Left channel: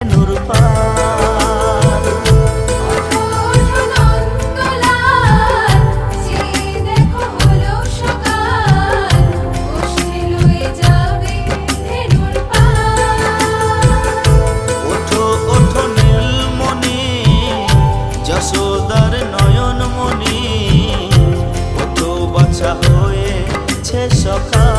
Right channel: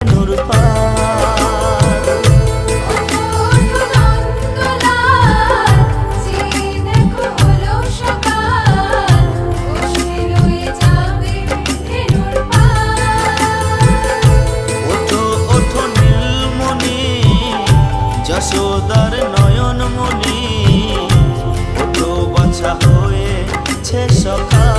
নূর পার। ওঠো ওঠো নন্দলাল, চেয়ে দেখো হলো সকাল, বসে লয়ে যাবে ধেনুর পার। ওঠো ওঠো নীলমণি, যশোদার নয়নমণি, ওঠো বাছা হয়েছে সকাল।